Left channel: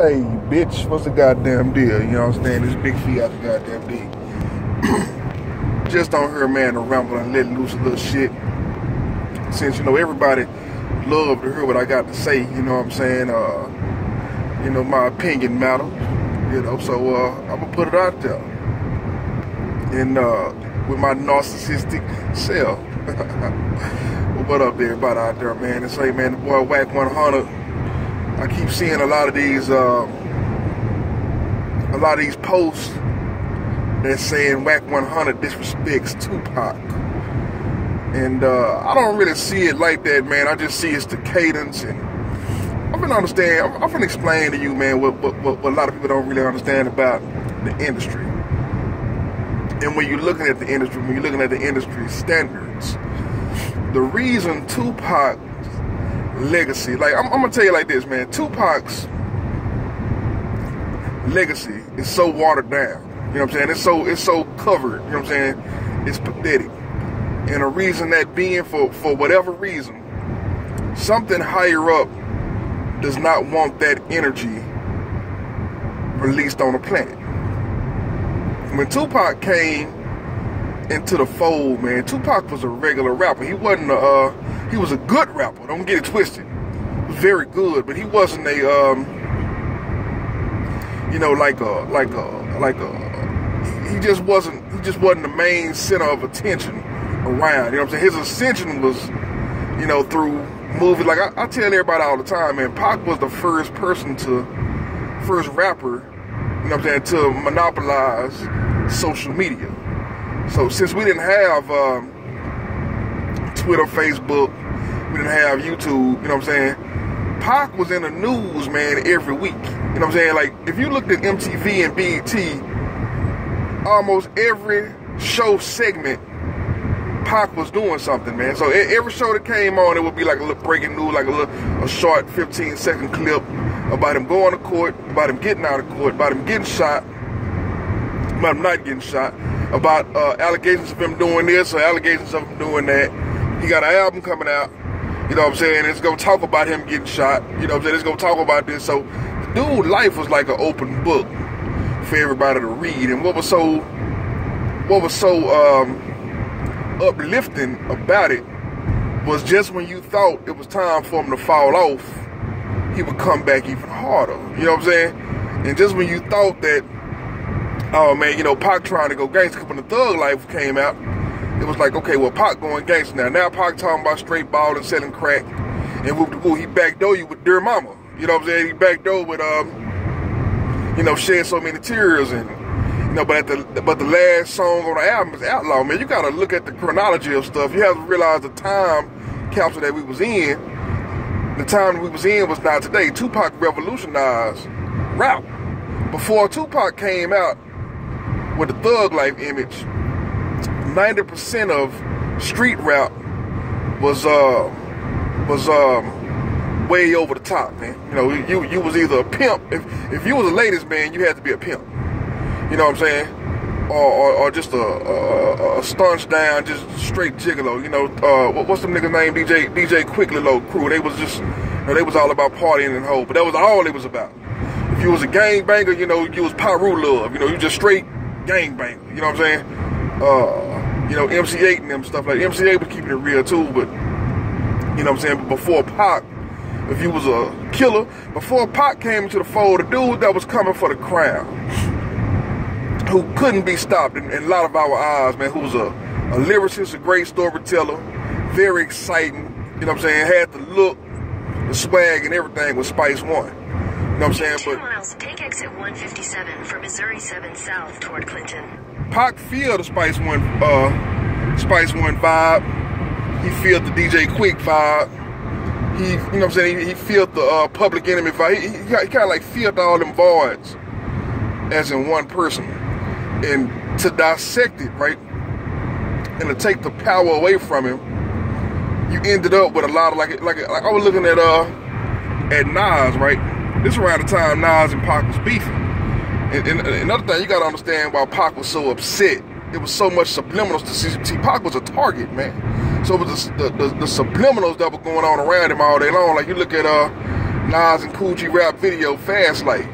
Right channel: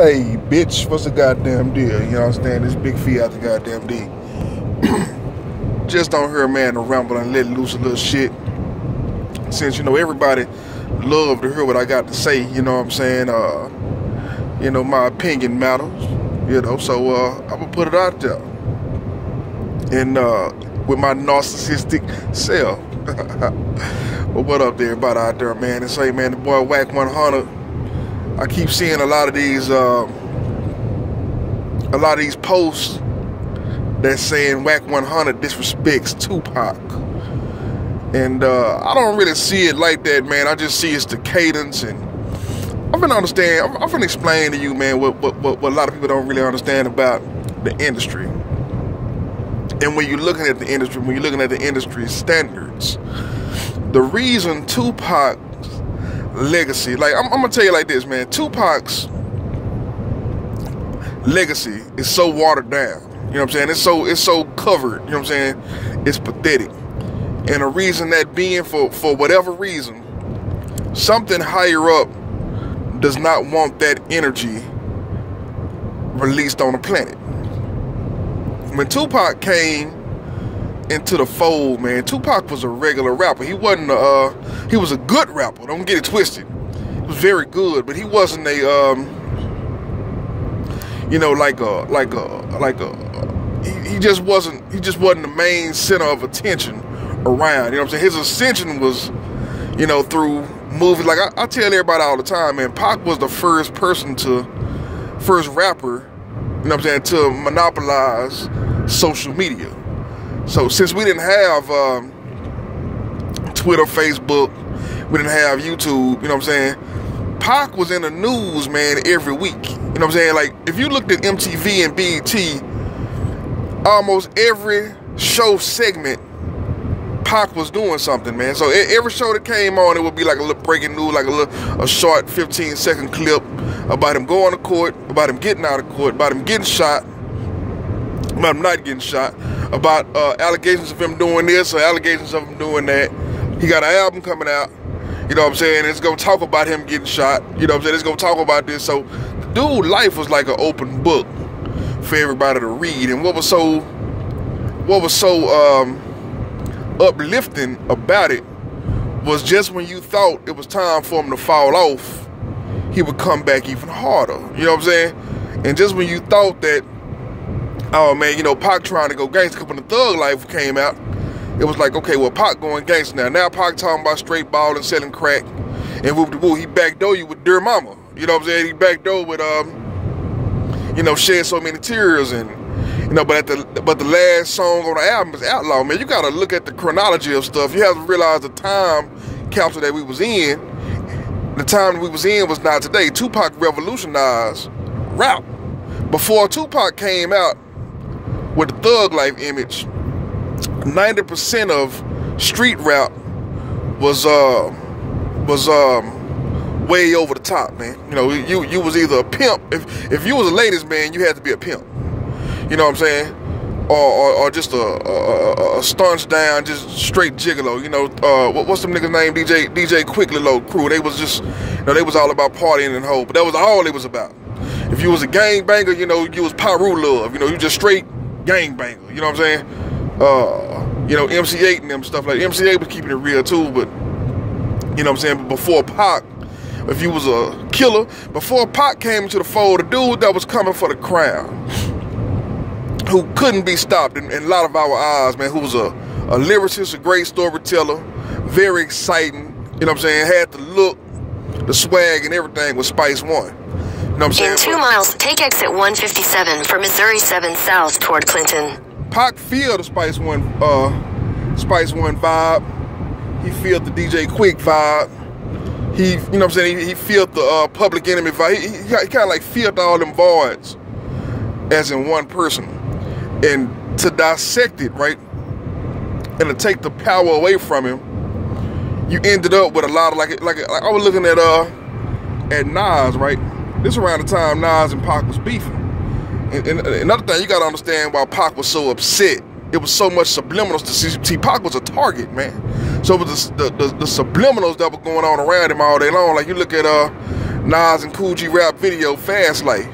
Hey, bitch, what's the goddamn deal? You know what I'm saying? This big fee out the goddamn D. Just don't hear a man to ramble and let loose a little shit. Since, you know, everybody love to hear what I got to say, you know what I'm saying? You know, my opinion matters, you know, so I'm gonna put it out there. And with my narcissistic self. Well, what up there, everybody out there, man? And say, man, the boy Wack 100. I keep seeing a lot of these posts that's saying Wack 100 disrespects Tupac, and I don't really see it like that, man. I just see it's the cadence, and I'm gonna explain to you, man, what a lot of people don't really understand about the industry. And when you're looking at the industry, when you're looking at the industry standards, the reason Tupac's legacy, like I'm gonna tell you like this, man. Tupac's legacy is so watered down. You know what I'm saying? It's so covered. You know what I'm saying? It's pathetic. And the reason that being for whatever reason, something higher up does not want that energy released on the planet. When Tupac came into the fold, man, Tupac was a regular rapper. He wasn't he was a good rapper, don't get it twisted. He was very good, but he wasn't a you know, he just wasn't the main center of attention around. You know what I'm saying? His ascension was, you know, through movies. Like I tell everybody all the time, man, Pac was the first rapper, you know what I'm saying, to monopolize social media. So since we didn't have Twitter, Facebook, we didn't have YouTube, you know what I'm saying, Pac was in the news, man, every week. You know what I'm saying? Like, if you looked at MTV and BET, almost every show segment, Pac was doing something, man. So every show that came on, it would be like a little breaking news, like a short 15-second clip about him going to court, about him getting out of court, about him getting shot, about him not getting shot, about allegations of him doing this or allegations of him doing that. He got an album coming out, you know what I'm saying? It's gonna talk about him getting shot, you know what I'm saying? It's gonna talk about this. So the dude's life was like an open book for everybody to read. And what was so uplifting about it was just when you thought it was time for him to fall off, he would come back even harder. You know what I'm saying? And just when you thought that, oh man, you know, Pac trying to go gangster, when the Thug Life came out, it was like, okay, well, Pac going gangster now. Now Pac talking about straight ball and selling crack, and whoop-de-woo, he backdoor you with Dear Mama. You know what I'm saying? He backdoor with, you know, Shed So Many Tears, and, you know, but the last song on the album is Outlaw, man. You gotta look at the chronology of stuff. You have to realize the time capsule that we was in. The time we was in was not today. Tupac revolutionized rap. Before Tupac came out with the Thug Life image, 90% of street rap was way over the top, man. You know, you was either a pimp. If you was a ladies man, you had to be a pimp. You know what I'm saying? Or just a staunch down, just straight gigolo. You know, what's them niggas name? DJ Quick Little crew. They was just, you know, they was all about partying and hoe, but that was all it was about. If you was a gangbanger, you know, you was Pyru Love. You know, you just straight gangbanger. You know what I'm saying? You know, MC8 and them stuff like MC8 was keeping it real too, but you know what I'm saying? But before Pac, if you was a killer, before Pac came into the fold, a dude that was coming for the crown, who couldn't be stopped in a lot of our eyes, man, who was a lyricist, a great storyteller, very exciting, you know what I'm saying, had the look, the swag and everything, was Spice One. You know what I'm saying? In 2 miles, take exit 157 for Missouri 7 South toward Clinton. Pac feel the Spice One vibe. He feel the DJ Quick vibe. He, you know what I'm saying, he feel the Public Enemy vibe. He kind of like feel all them voids as in one person. And to dissect it, right, and to take the power away from him, you ended up with a lot of like I was looking at Nas, right? This around the time Nas and Pac was beefing. And another thing, you gotta understand why Pac was so upset. It was so much subliminals to see. Pac was a target, man. So it was the subliminals that were going on around him all day long. Like you look at Nas and Cool G rap video, Fast Life.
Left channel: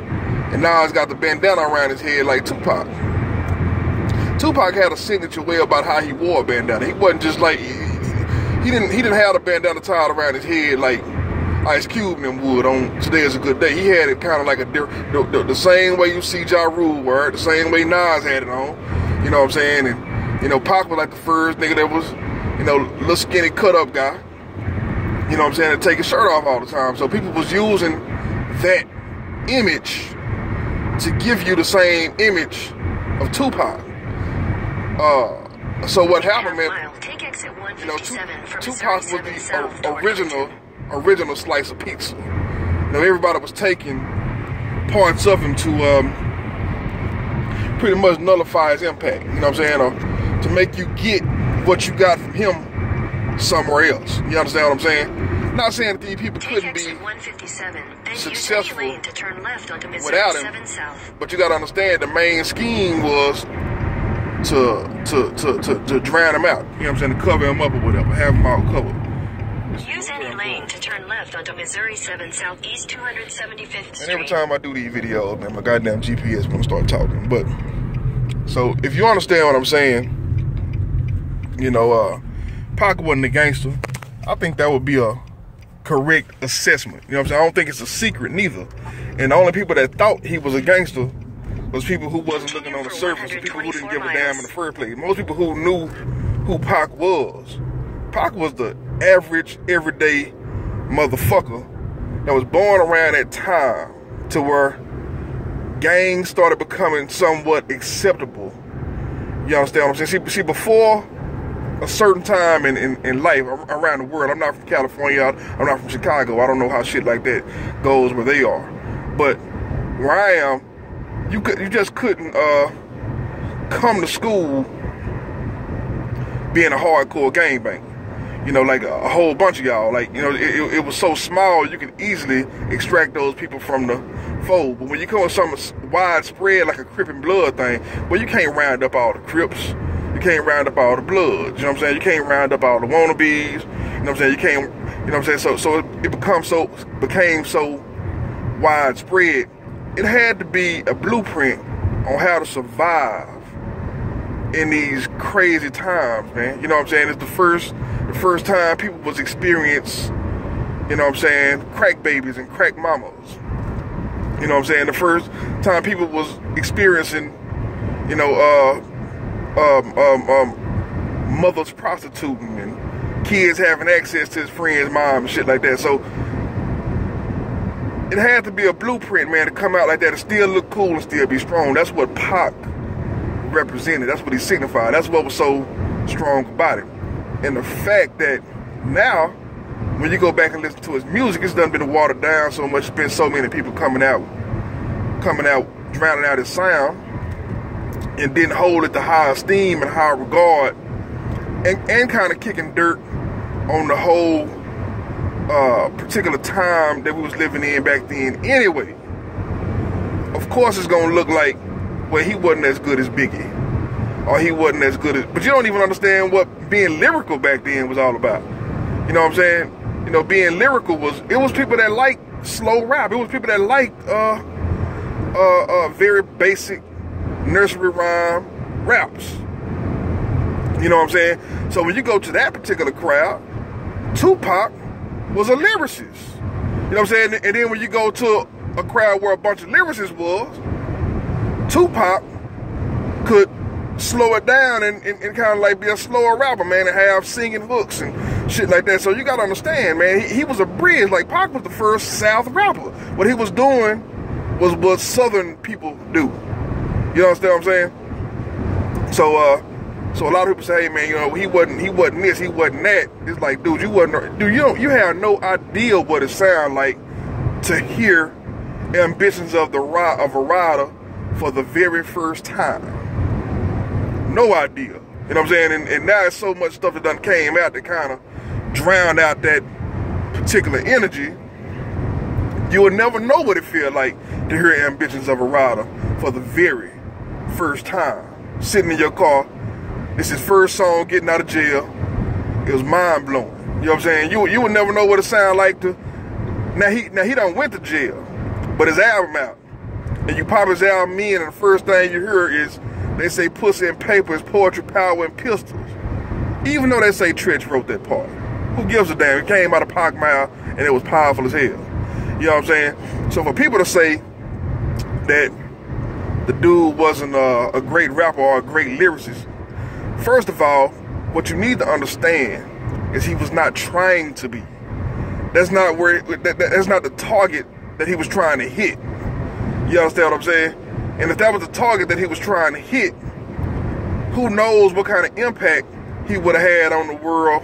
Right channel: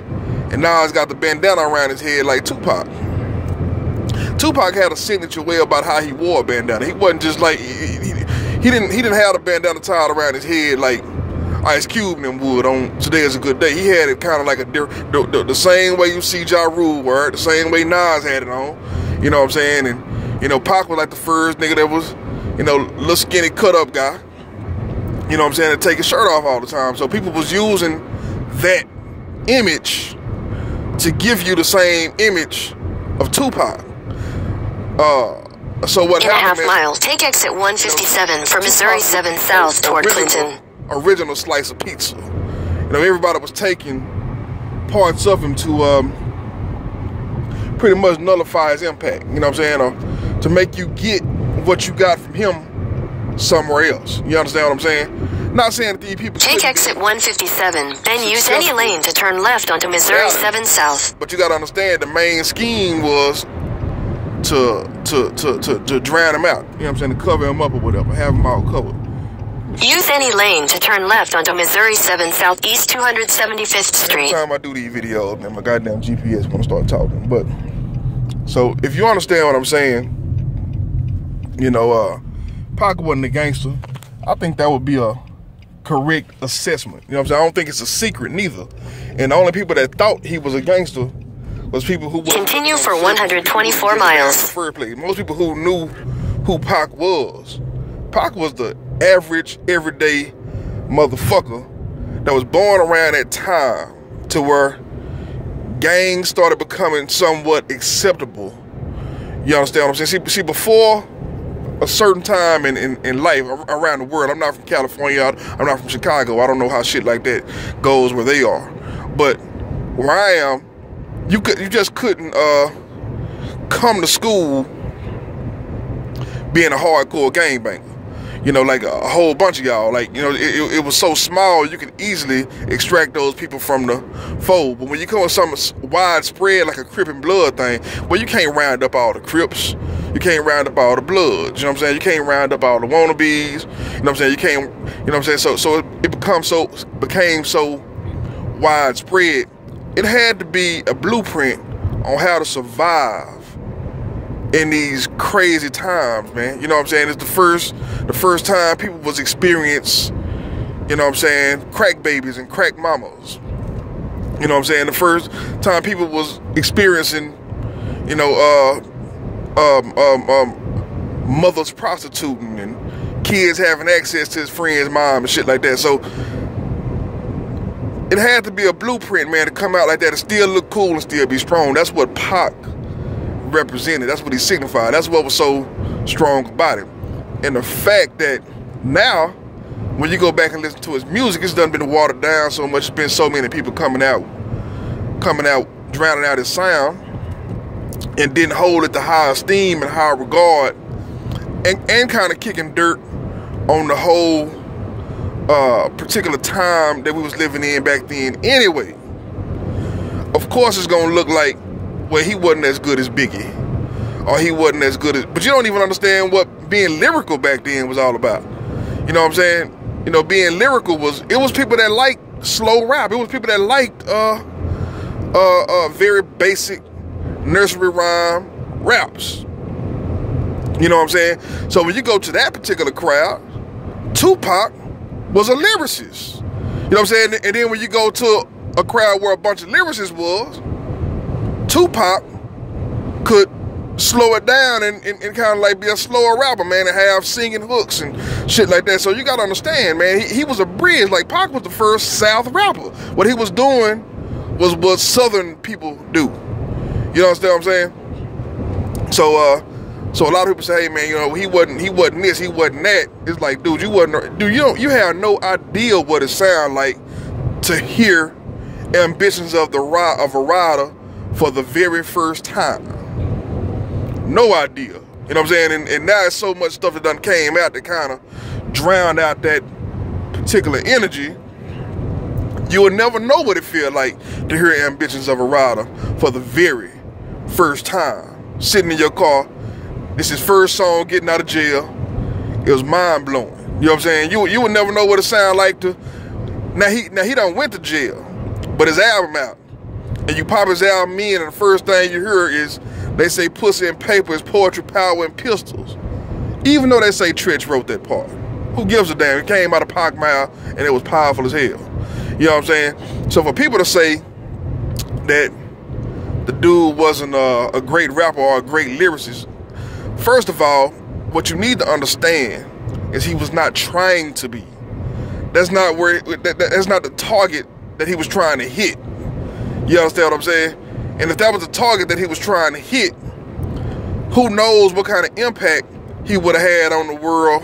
And Nas got the bandana around his head like Tupac. Tupac had a signature way about how he wore a bandana. He wasn't just like, he didn't have the bandana tied around his head like Ice Cube and them would on Today Is a Good Day. He had it kind of like the same way you see Ja Rule wear it, the same way Nas had it on. You know what I'm saying? And, you know, Pac was like the first nigga that was, you know, little skinny cut-up guy. You know what I'm saying? To take his shirt off all the time. So people was using that image to give you the same image of Tupac. So what in happened? In a half mile, take exit 157 for Missouri 7 South toward Clinton. Original slice of pizza. You know, everybody was taking parts of him to pretty much nullify his impact. You know what I'm saying? Or to make you get what you got from him somewhere else. You understand what I'm saying? Not saying that these people take exit 157, then use any lane to turn left onto Missouri 7 South. But you got to understand, the main scheme was to drown him out. You know what I'm saying? To cover him up or whatever, have him all covered. Use any lane to turn left onto Missouri 7 Southeast 275th Street. Every time I do these videos, man, my goddamn GPS want to start talking. But so if you understand what I'm saying, you know, Pac wasn't a gangster. I think that would be a correct assessment. You know what I'm saying? I don't think it's a secret neither. And the only people that thought he was a gangster was people who continue for 124 miles. Most people who knew who Pac was. Pac was the average, everyday motherfucker that was born around that time to where gangs started becoming somewhat acceptable. You understand what I'm saying? See, before a certain time in life around the world, I'm not from California, I'm not from Chicago, I don't know how shit like that goes where they are. But where I am, you just couldn't come to school being a hardcore gangbanger. You know, like a whole bunch of y'all. Like, you know, it was so small, you can easily extract those people from the fold. But when you come with something widespread, like a Crip and Blood thing, well, you can't round up all the Crips. You can't round up all the Bloods. You know what I'm saying? You can't round up all the wannabes. You know what I'm saying? You can't, you know what I'm saying? So it became so widespread. It had to be a blueprint on how to survive in these crazy times, man. You know what I'm saying? It's the first time people was experiencing, you know what I'm saying, crack babies and crack mamas. You know what I'm saying? The first time people was experiencing, you know, mothers prostituting and kids having access to his friend's mom and shit like that. So it had to be a blueprint, man, to come out like that and still look cool and still be strong. That's what Pac represented. That's what he signified. That's what was so strong about it. And the fact that now, when you go back and listen to his music, it's done been watered down so much. There's been so many people coming out, drowning out his sound, and didn't hold it to high esteem and high regard, and kind of kicking dirt on the whole particular time that we was living in back then anyway. Of course it's gonna look like, well, he wasn't as good as Biggie, or he wasn't as good as, but you don't even understand what being lyrical back then was all about. You know what I'm saying? You know, being lyrical it was people that liked slow rap. It was people that liked very basic nursery rhyme raps. You know what I'm saying? So when you go to that particular crowd, Tupac was a lyricist. You know what I'm saying? And then when you go to a crowd where a bunch of lyricists was, Tupac could slow it down and kind of like be a slower rapper, man, and have singing hooks and shit like that. So you gotta understand, man, he was a bridge. Like, Pac was the first South rapper. What he was doing was what Southern people do. You understand what I'm saying? So a lot of people say, hey, man, you know, he wasn't this, he wasn't that. It's like, dude, you have no idea what it sounds like to hear Ambitions of a Rider for the very first time. No idea. You know what I'm saying? And now it's so much stuff that done came out that kind of drowned out that particular energy. You will never know what it feels like to hear Ambitions of a Rider for the very first time. Sitting in your car, this is his first song getting out of jail. It was mind-blowing. You know what I'm saying? You would never know what it sounded like to Now he done went to jail, but his album out. And you pop his album in, and the first thing you hear is they say pussy and paper is poetry, power, and pistols. Even though they say Tretch wrote that part. Who gives a damn? It came out of Pac mouth, and it was powerful as hell. You know what I'm saying? So for people to say that the dude wasn't a great rapper or a great lyricist, first of all, what you need to understand is he was not trying to be. That's not where that's not the target that he was trying to hit. You understand what I'm saying? And if that was the target that he was trying to hit, who knows what kind of impact he would have had on the world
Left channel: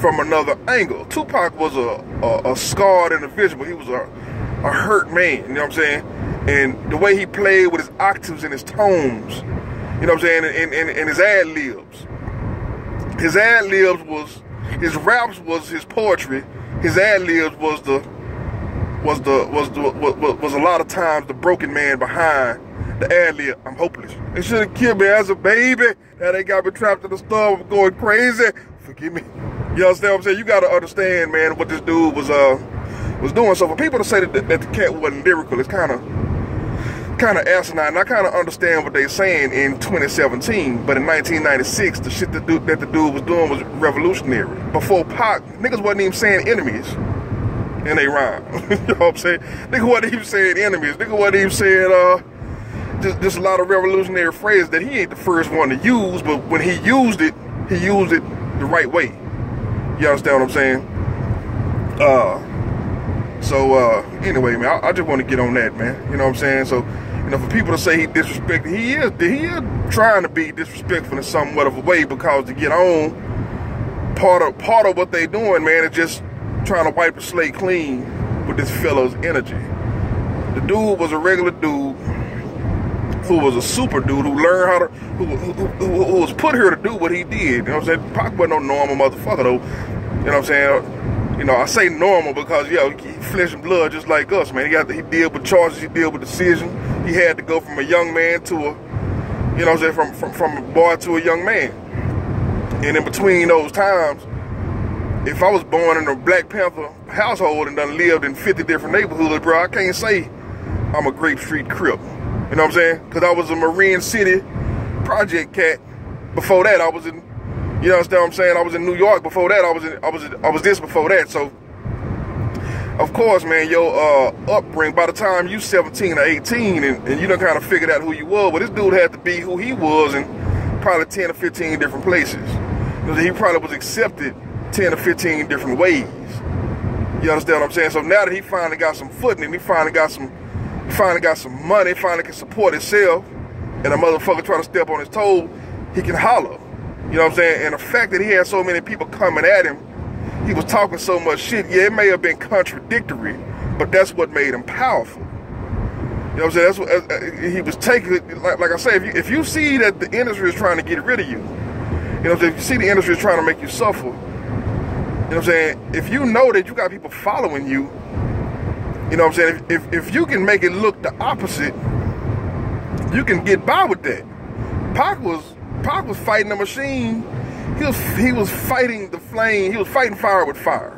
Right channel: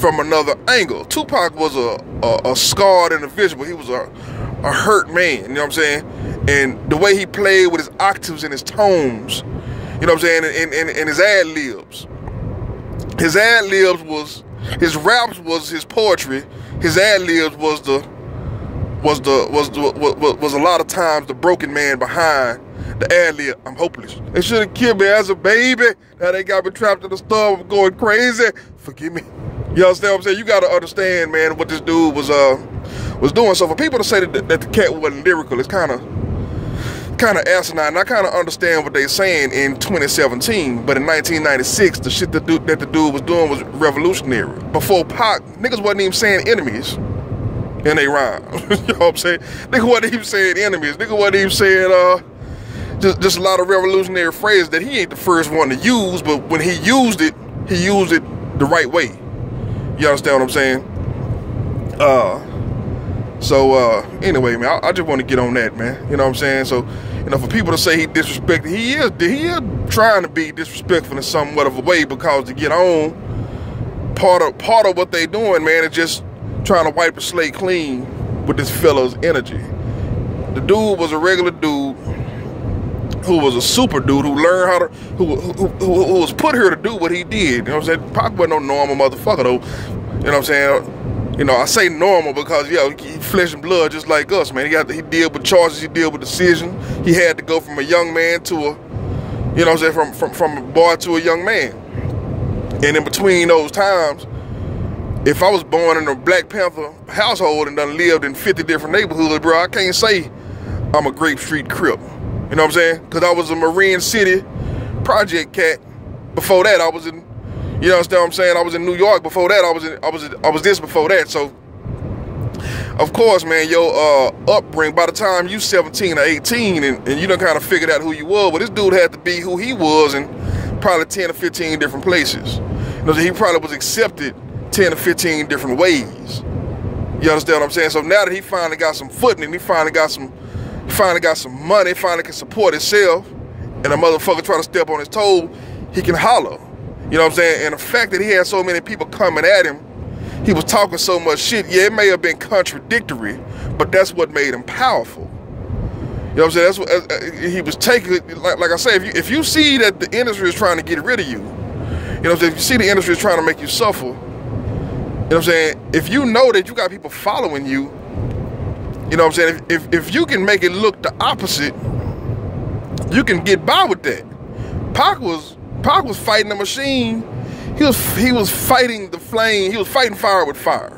from another angle. Tupac was a scarred individual. He was a hurt man, you know what I'm saying? And the way he played with his octaves and his tones, you know what I'm saying, and his ad-libs. His ad-libs was, his raps was his poetry. His ad-libs was a lot of times the broken man behind the ad-lib. I'm hopeless. They should have killed me as a baby. Now they got me trapped in the storm going crazy. Forgive me. You understand what I'm saying? You got to understand, man, what this dude was doing. So for people to say that the cat wasn't lyrical, it's kind of asinine. And I kind of understand what they're saying in 2017, but in 1996, the shit that the dude was doing was revolutionary. Before Pac, niggas wasn't even saying enemies in they rhyme. You know what I'm saying? Nigga wasn't even saying enemies. Nigga wasn't even saying just a lot of revolutionary phrases that he ain't the first one to use, but when he used it the right way. You understand what I'm saying? Anyway, man, I just want to get on that, man. You know what I'm saying? So, you know, for people to say he disrespected, he is trying to be disrespectful in somewhat of a way, because to get on, part of what they doing, man, is just trying to wipe the slate clean with this fellow's energy. The dude was a regular dude who was a super dude who learned how to, who was put here to do what he did. You know what I'm saying? Pac wasn't no normal motherfucker though. You know what I'm saying? You know, I say normal because, yeah, he flesh and blood just like us, man. He deal with charges, he deal with decisions. He had to go from a young man to a, you know what I'm saying, from a boy to a young man. And in between those times, if I was born in a Black Panther household and done lived in 50 different neighborhoods, bro, I can't say I'm a Grape Street Crip. You know what I'm saying? Because I was a Marine City project cat. Before that, I was in, you understand what I'm saying? I was in New York. Before that, I was this before that. So, of course, man, your upbringing, by the time you 17 or 18 and you done kind of figured out who you were, but this dude had to be who he was in probably 10 or 15 different places. You know, so he probably was accepted 10 or 15 different ways. You understand what I'm saying? So now that he finally got some footing and he finally got some money, finally can support himself, and a motherfucker trying to step on his toe, he can holler. You know what I'm saying? And the fact that he had so many people coming at him, he was talking so much shit, yeah, it may have been contradictory, but that's what made him powerful. You know what I'm saying? That's what he was taking, like I say, if you see that the industry is trying to get rid of you, you know what I'm saying? If you see the industry is trying to make you suffer, you know what I'm saying? If you know that you got people following you, you know what I'm saying? If you can make it look the opposite, you can get by with that. Pac was fighting the machine. He was fighting the flame. He was fighting fire with fire.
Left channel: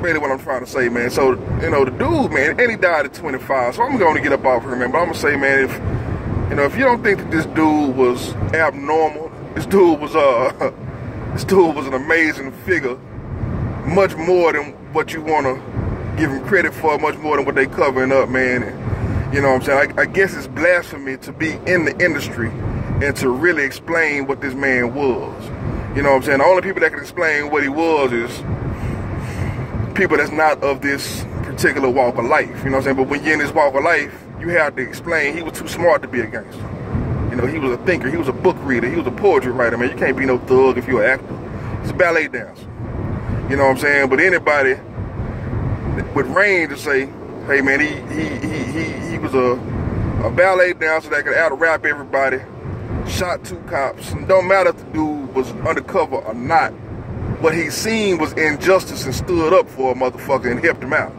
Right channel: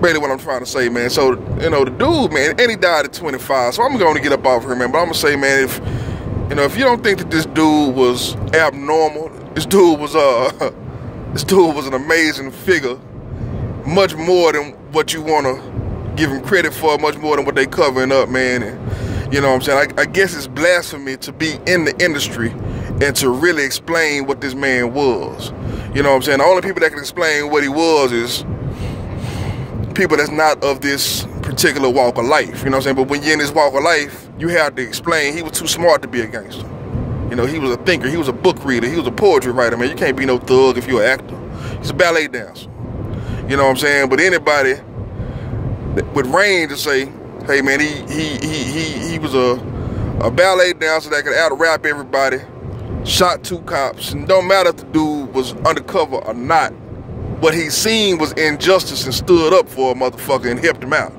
Really what I'm trying to say, man. So, you know, the dude, man, and he died at 25. So I'm going to get up off here, man. But I'm going to say, man, if you don't think that this dude was abnormal, this dude was an amazing figure, much more than what you want to give him credit for, much more than what they covering up, man. And, you know what I'm saying? I guess it's blasphemy to be in the industry and to really explain what this man was. You know what I'm saying? The only people that can explain what he was is people that's not of this particular walk of life. You know what I'm saying? But when you're in this walk of life, you have to explain he was too smart to be a gangster. You know, he was a thinker. He was a book reader. He was a poetry writer, man. You can't be no thug if you're an actor. He's a ballet dancer. You know what I'm saying? But anybody with range to say, hey man, he was a ballet dancer that could out-rap everybody, shot 2 cops, and don't matter if the dude was undercover or not, what he seen was injustice and stood up for a motherfucker and helped him out.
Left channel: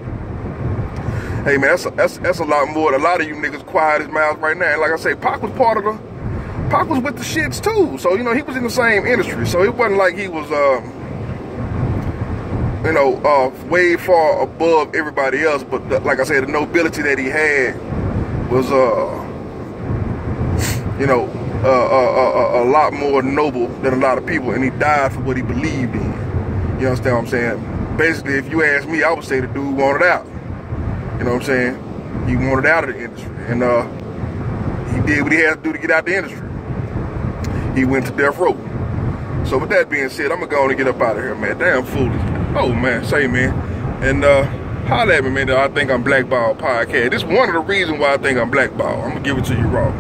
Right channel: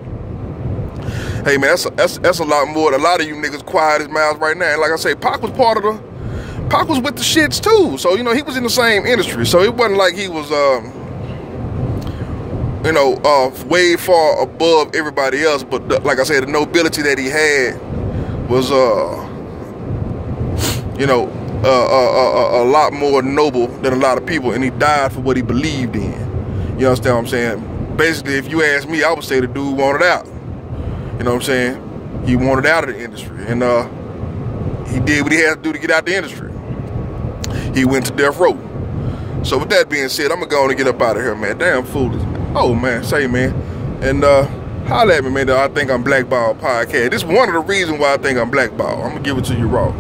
Hey man, that's a lot more than a lot of you niggas quiet his mouths right now. And like I say, Pac was with the shits too. So, you know, he was in the same industry. So it wasn't like he was you know, way far above everybody else. But like I said, the nobility that he had was, you know, a lot more noble than a lot of people, and he died for what he believed in. You understand what I'm saying? Basically, if you ask me, I would say the dude wanted out. You know what I'm saying? He wanted out of the industry, and he did what he had to do to get out the industry. He went to death row. So with that being said, I'm gonna go on and get up out of here, man. Damn foolish. Oh man, say man. And holla at me, man. I think I'm blackballed podcast. This is one of the reasons why I think I'm blackballed. I'm gonna give it to you raw.